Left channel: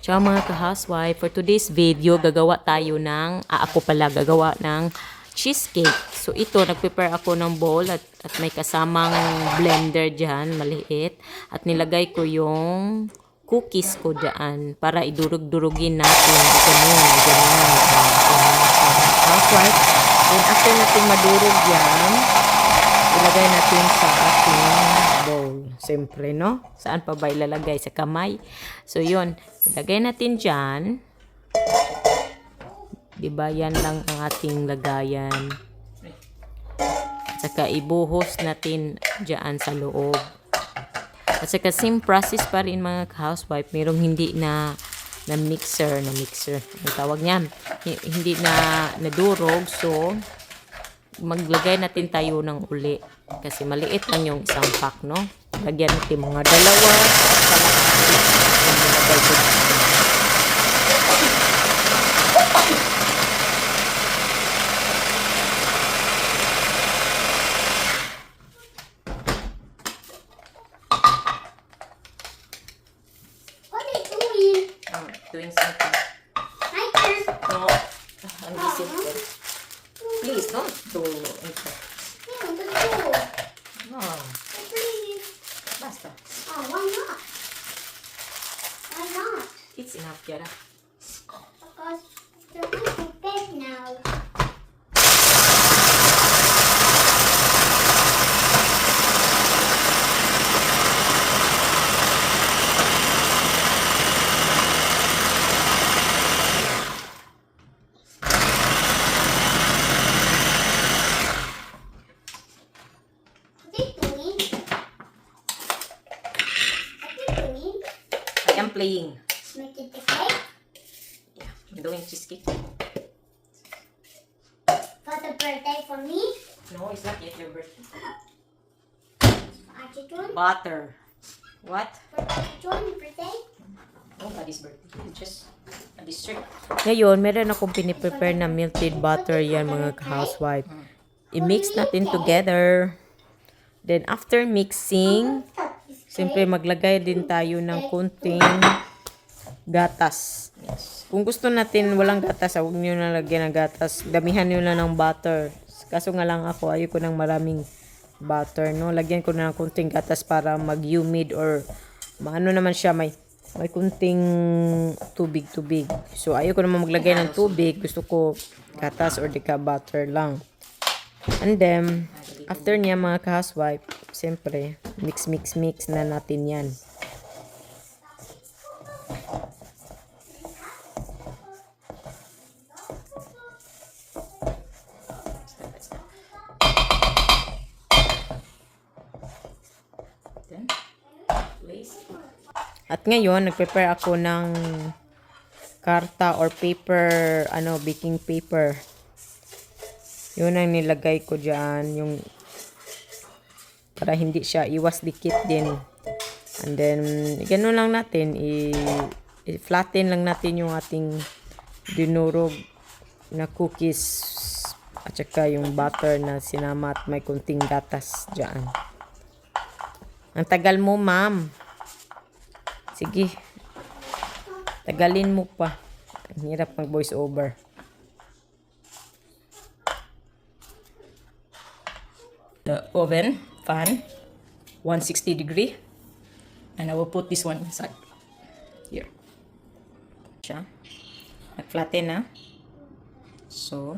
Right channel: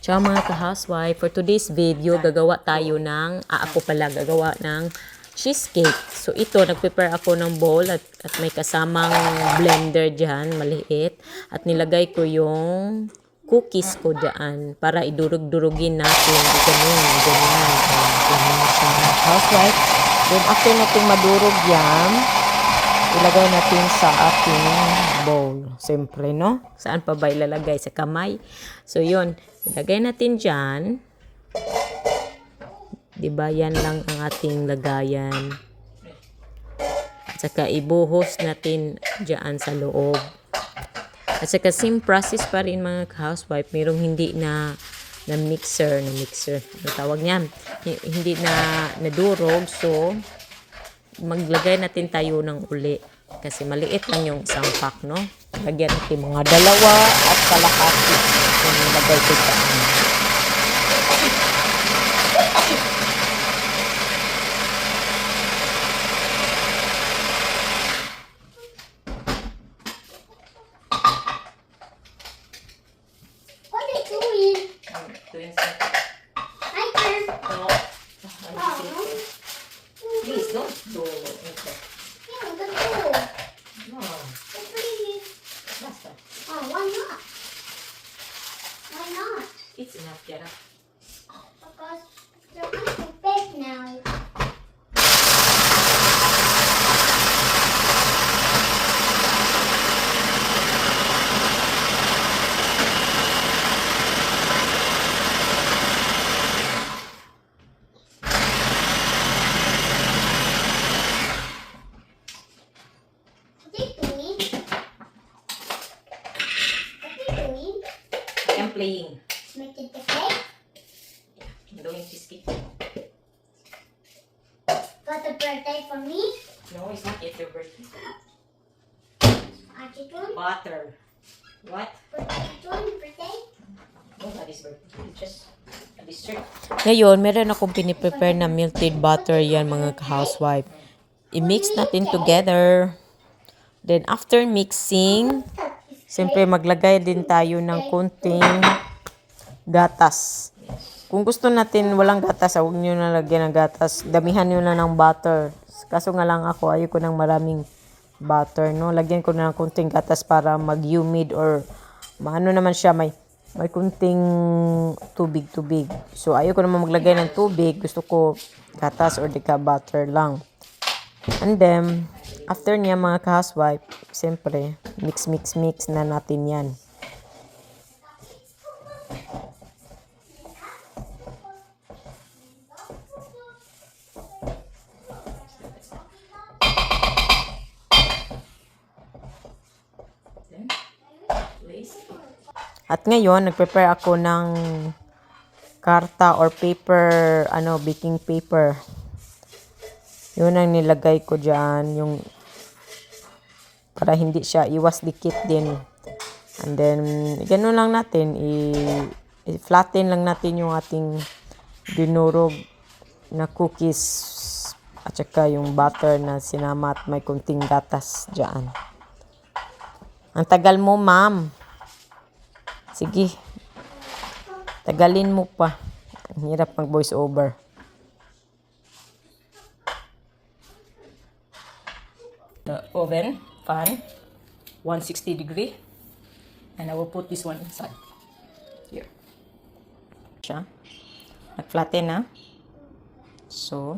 Ciao mga ka-housewife, for today's video gagawa tayo ng, gagawa ng cheesecake. So ito, nag-prepare ako ng bowl at may kasamang blender dyan, maliit. At nilagay ko yung cookies ko dyan para idurog-durugin natin. Ganyan. Housewife. Then after natin madurog yan, ilagay natin sa ating bowl. Siyempre, no? Saan pa ba ilalagay? Sa kamay. So, yun. Ilagay natin dyan. Diba? Yan lang ang ating lagayan. At saka, ibuhos natin dyan sa loob. At saka, same process pa rin mga housewife. Merong hindi na mixer. Ang tawag niyan. Hindi na nadurog. So, maglagay natin tayo ng uli kasi maliit lang yung isang pack, no? Lagyan natin mga 2 at kalahati yung nilagay ko dyan. What are you doing? I'm doing something. My turn. No. I'm listening. Please, don't do it. Yeah, let's go. No. Please. Basta. Oh, why not? Why not? It's enough, Kiara. Because they're going to bed now. What are you doing? What are you doing? I am playing. Making the cake I'm doing cheesecake. for the birthday for me. No, it's not yet your birthday. Auntie doing Butter. What? birthday. Nobody's birthday. Just a district. Ngayon, meron akong piniprepare na melted butter yan mga housewife. I-mix natin together. Then, after mixing, siyempre maglagay din tayo ng kunting gatas. Kung gusto natin walang gatas, huwag nyo na lagyan ng gatas. Damihan nyo na ng butter. Kaso nga lang ako, ayoko ng maraming butter, no? Lagyan ko na ng kunting gatas para mag-humid or maano naman siya, may kunting tubig. So, ayoko naman maglagay ng tubig. Gusto ko gatas or di ka butter lang. And then, after niya mga ka-housewife, siyempre, mix na natin yan. At ngayon, nag-prepare ako ng karta or paper, baking paper. Yun ang nilagay ko dyan, yung para hindi siya iwas dikit din. And then, ganun lang natin, i-flatten lang natin yung ating dinurog na cookies at saka yung butter na sinama at may kunting gatas dyan. Ang tagal mo, ma'am. Sige. Tagalin mo pa. Ang hirap mag voice over. The oven fan 160 degree, and I will put this one inside here. Siya. Nag-flatten na. So,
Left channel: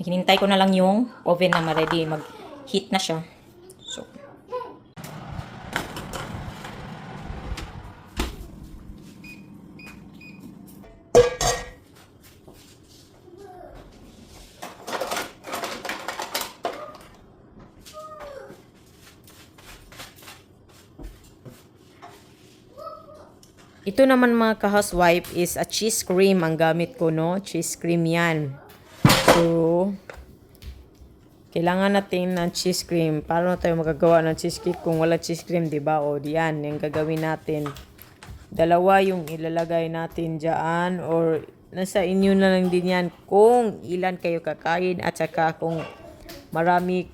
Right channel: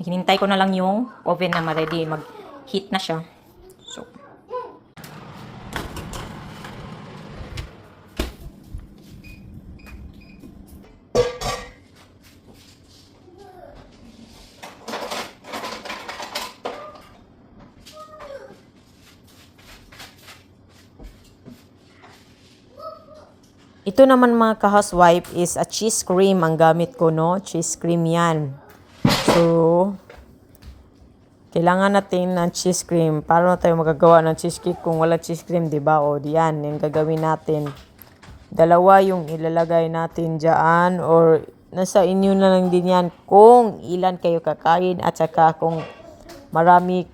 hinintay ko na lang yung oven na ma-ready. Mag-heat na siya. So, ito naman mga ka-housewife is a cheese cream ang gamit ko, no? Cheese cream yan. So, kailangan natin ng cheese cream. Paano tayo magagawa ng cheesecake kung wala cheese cream, diba? O, diyan, yung gagawin natin. 2 yung ilalagay natin dyan or nasa inyo na lang din yan kung ilan kayo kakain at saka kung marami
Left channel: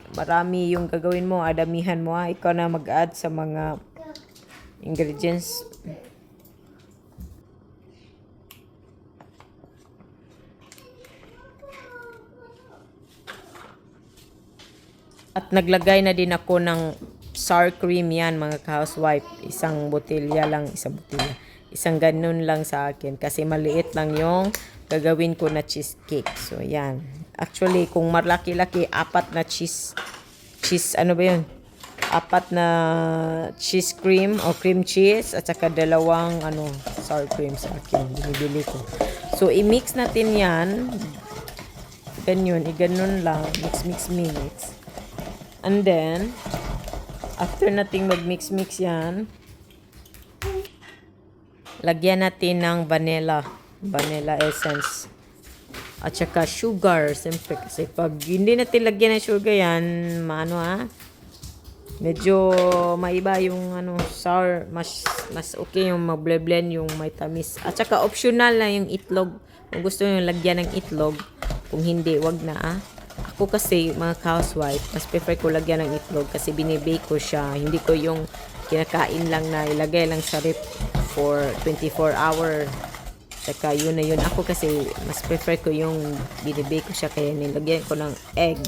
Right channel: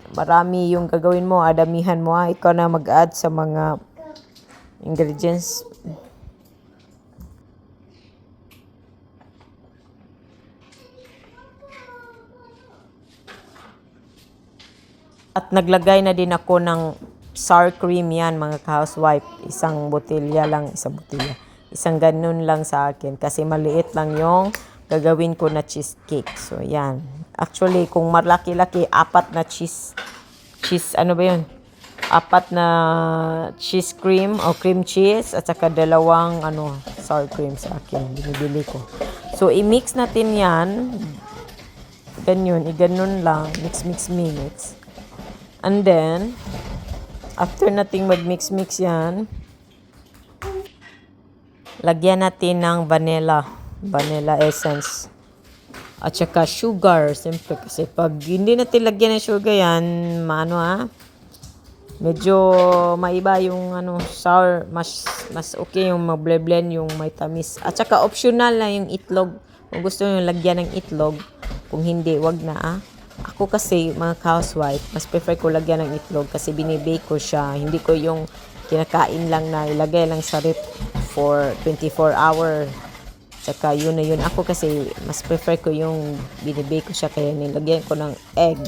yung gagawin mo, adamihan mo. Ikaw na mag-add sa mga ingredients. At naglagay na din ako ng sour cream yan mga ka-housewife. Isang botelya lang, isang botelya. Isang ganun lang sa akin kasi maliit lang yung gagawin ko na cheesecake. So yan. Actually, kung malaki-laki, 4 na cheese, ano ba yun? 4 na cheese cream o cream cheese at saka 2 sour cream sa akin. Binibili ko. So, i-mix natin yan. Ganyan, i-ganon lang. Mix. And then, after nating mag-mix yan, lagyan natin ng vanilla essence. At saka sugar, siyempre. Kasi pag hindi natin lagyan ng sugar yan, medyo maiba yung sour. Mas okay yung mag-blend yung may tamis. At saka optional na yung itlog. Kung gusto nyo lagyan ng itlog, kung hindi, wag na. Ako kasi, mga housewife, mas prefer ko lagyan ng itlog kasi binibake ko siya. Hindi ko yung kinakain lang na ilagay lang sa ref for 24 hour. Saka yun na yun. Ako kasi, mas prefer ko yung binibake ko siya kaya nilagyan ko ng egg.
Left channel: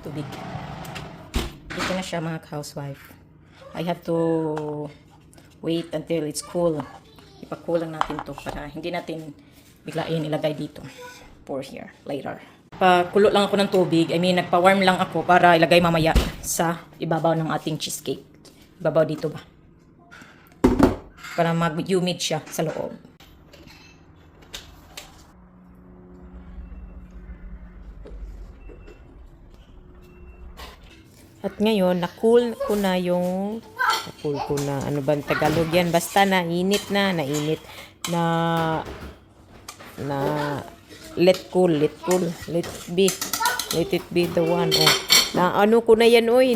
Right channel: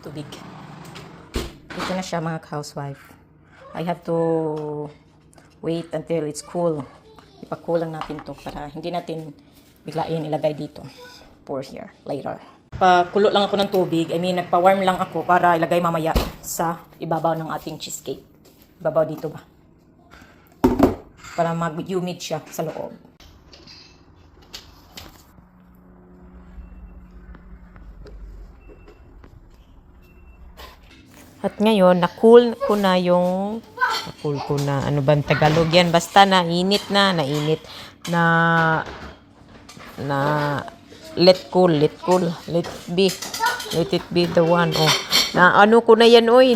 Tubig. Ito na siya mga housewife. I have to wait until it's cool. Ipakulang natin to para hindi natin biglain ilagay dito. Pour here later. Pakulo lang ako ng tubig. Nagpa-warm lang ako para ilagay mamaya sa ibabaw ng ating cheesecake. Ibabaw dito ba? Para mag-humid siya sa loob. At ngayon, na-cool ko na ano bang Tagalog yan? Basta nainit, let it be the one. Oh. Na ano ko na yan, oy,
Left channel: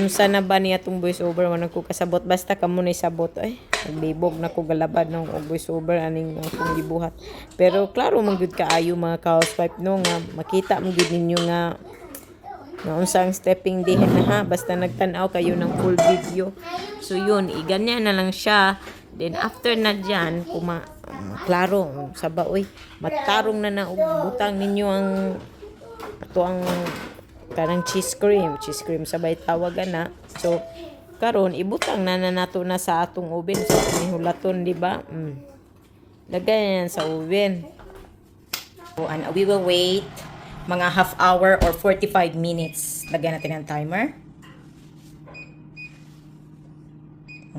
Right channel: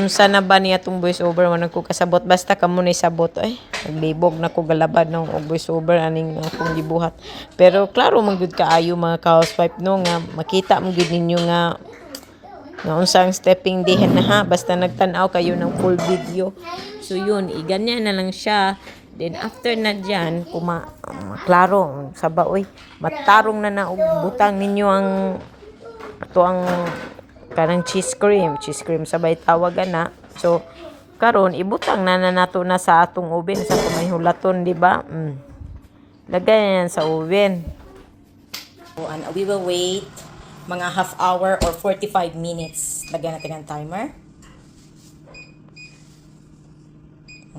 unsa na ba niya itong voice over, man ko kasabot, basta kamo na sabot, ay, naglibog na ko galabad ng voice over, aning akong gibuhat. Pero, klaro, manggod kaayo mga ka-housewife, no, nga, makita mo gid ninyo nga, unsang stepping dihin na ha, basta nagtanaw kayo ng full video. So yun, iganyan na lang siya. Then after na dyan, klaro, saba, oy, matarong na butang ninyo ang kanang cheese cream sabay tawagan na. So karon ibutang na nato na sa atong oven sa may hulaton, di ba? Lagay yan sa oven. So, and we will wait mga half hour or 45 minutes. Lagyan natin ang timer.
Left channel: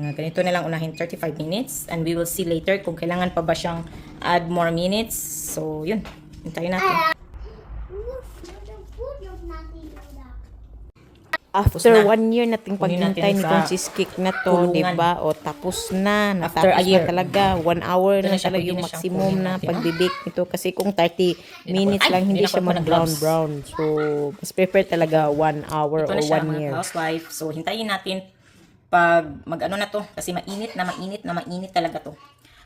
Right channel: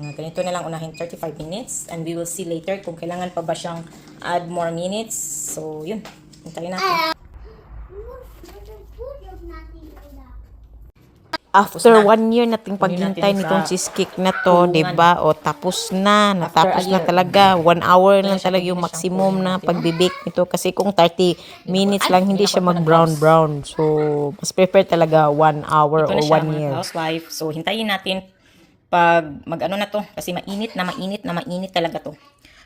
Mga ganito na lang unahin, 35 minutes. And we will see later kung kailangan pa ba siyang add more minutes. So, yun. Hintayin natin. After 1 year nating paghintay nitong cheesecake na to, diba? O tapos na, natapos na talaga. 1 hour lang talaga yung maximum na pagbibake nito. Kasi kung 30 minutes lang, hindi siya mag-brown. So, mas prefer talaga 1 hour or 1 year. Housewife. So, hintayin natin pag mag-ano na to. Kasi mainit talaga to.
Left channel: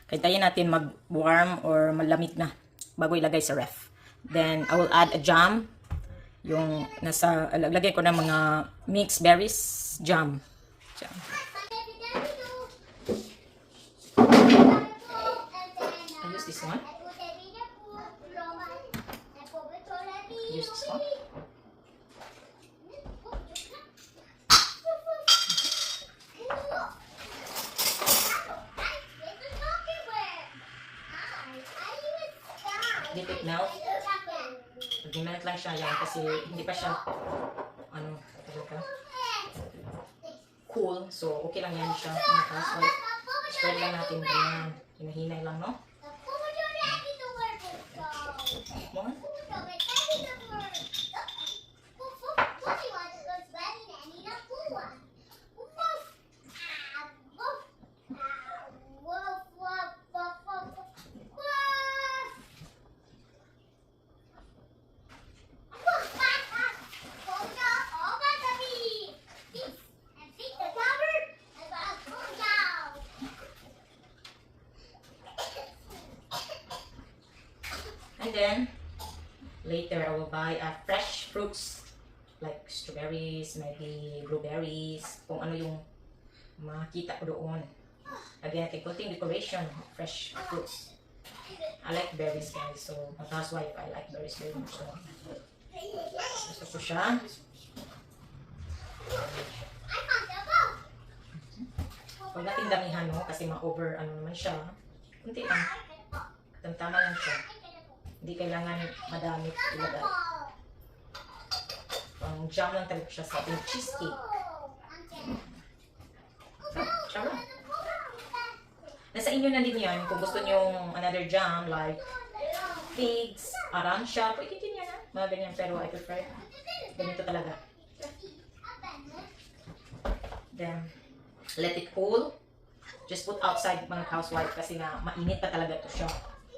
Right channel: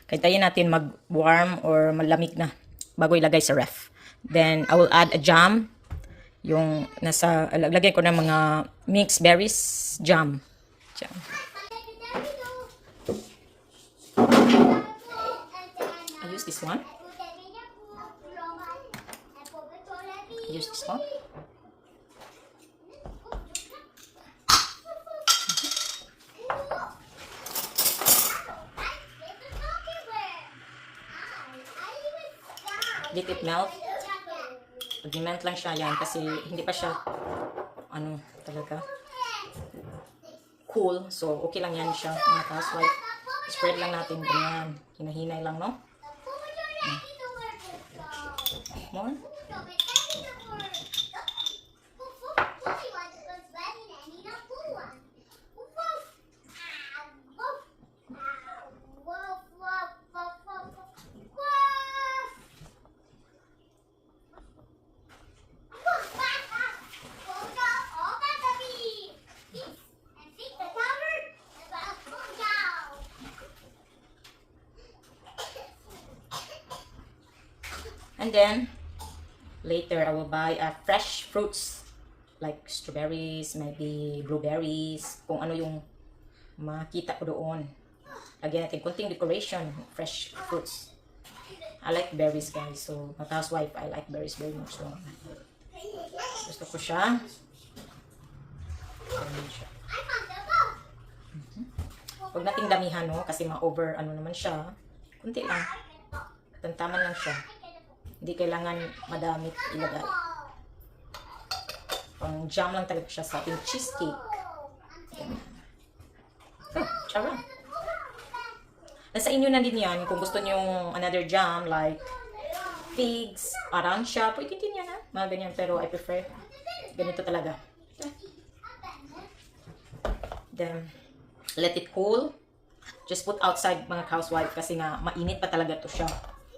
Hintayin natin mag-warm or malamig na bago ilagay sa ref. Then, I will add a jam. Yung lagay ko ng mga mixed berries jam. I use this one. Let it melt. Pag-melt lang siya yan kasi hindi pa siya talaga cool. So, okay lang yan siya. Mga housewife. Spread lang natin yan. Hinahinay lang, no? More. And then, later I will buy fresh fruits like strawberries, maybe blueberries, kung ano yung makita ko doon. Lagyan natin kunting decoration, fresh fruits. I like berries, guys. So, as a housewife, I like berries very much. So, gusto ko siya. Huwag nating damihan, no? Kasi ma-over, ano naman siya. Kunti lang. Tantaman lang siya. Hindi kailangan madami ilagay. Pang jam lang talaga siya sa ating cheesecake. So, tsara. Nasa inyo na din yan. Kung gusto nyo another jam, like figs, aransya, pwede din yan, ha? Mga ganyan. Pero I prefer ganito talaga. Then, let it cool. Just put outside, mga housewife, kasi nga mainit pa talaga to siya.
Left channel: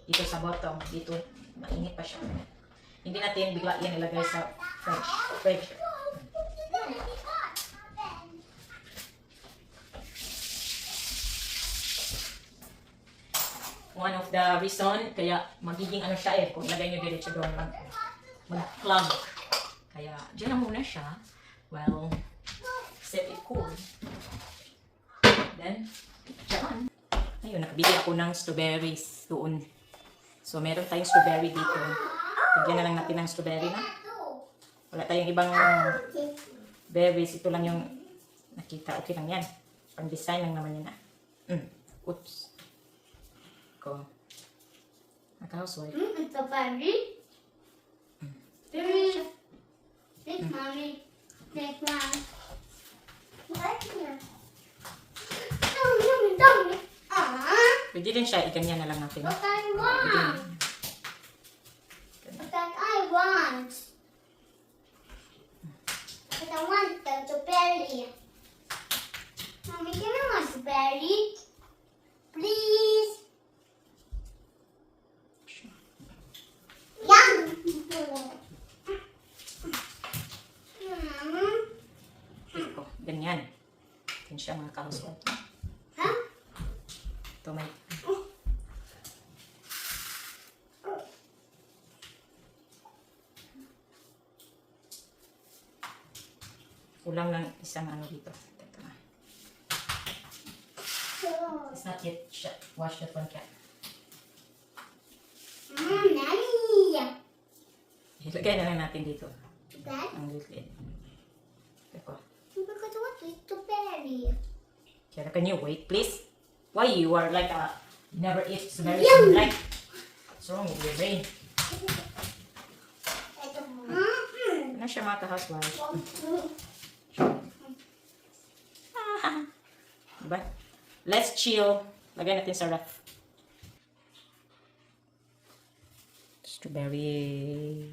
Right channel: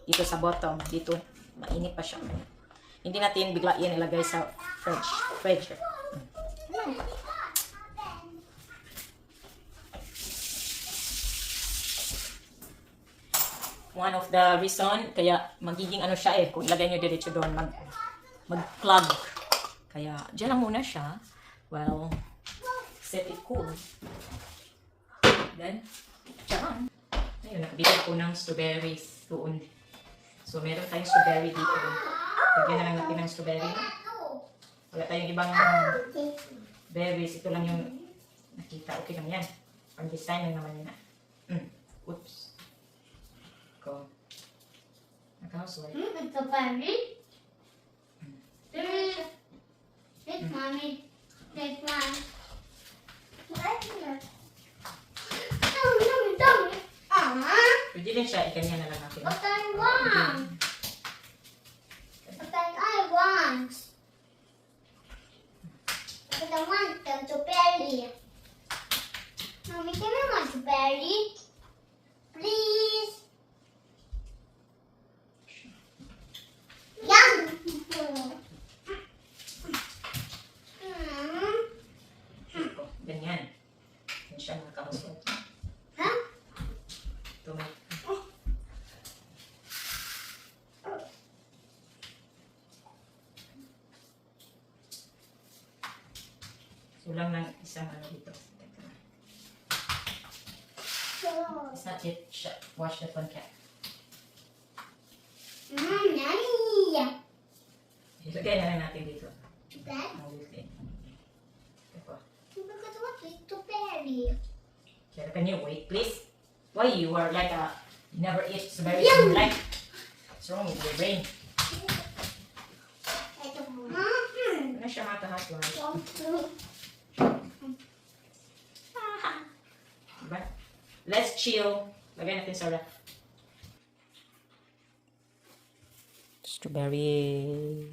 Dito sa bottom, dito mainit pa siya. Hindi natin bigla yan ilagay sa fridge. One of the reason kaya magiging ano siya kung ilagay nyo diretso doon mag-plug. Kaya dyan lang muna siya. Well, set it cool. Then, dyan. Ayun, nakabili ako ng strawberries doon. So, meron tayong strawberry dito. Bigyan na lang natin ng strawberry na. Wala tayong ibang berries. Ito lang yung nakita. Okay lang yan. Pang-design lang naman yun na. Oops. Ko. Naka-housewife. It's a berry. Big mommy. Big mom. Pwede rin siya. Ikanya na lang natin. What I want. What I want. But I want them to berry. Mommy, can I want to berry? Please. Yum. Ito. Ganyan. Yan siya mga ka-housewife. Huh? Ito may... Kulang ng isang ano dito. Teka na. It's not yet washed the front cap. Nanny. Ilagay na lang natin dito. That? Ang lid. Ito. Because what is to berry? Kaya can you wait, please? Why you are like a... You never eat strawberries Yum! in your life? What's wrong with your brain? Ano siya mga ka-housewife? Diba? Let's chill. Lagyan natin sa ref. Strawberry.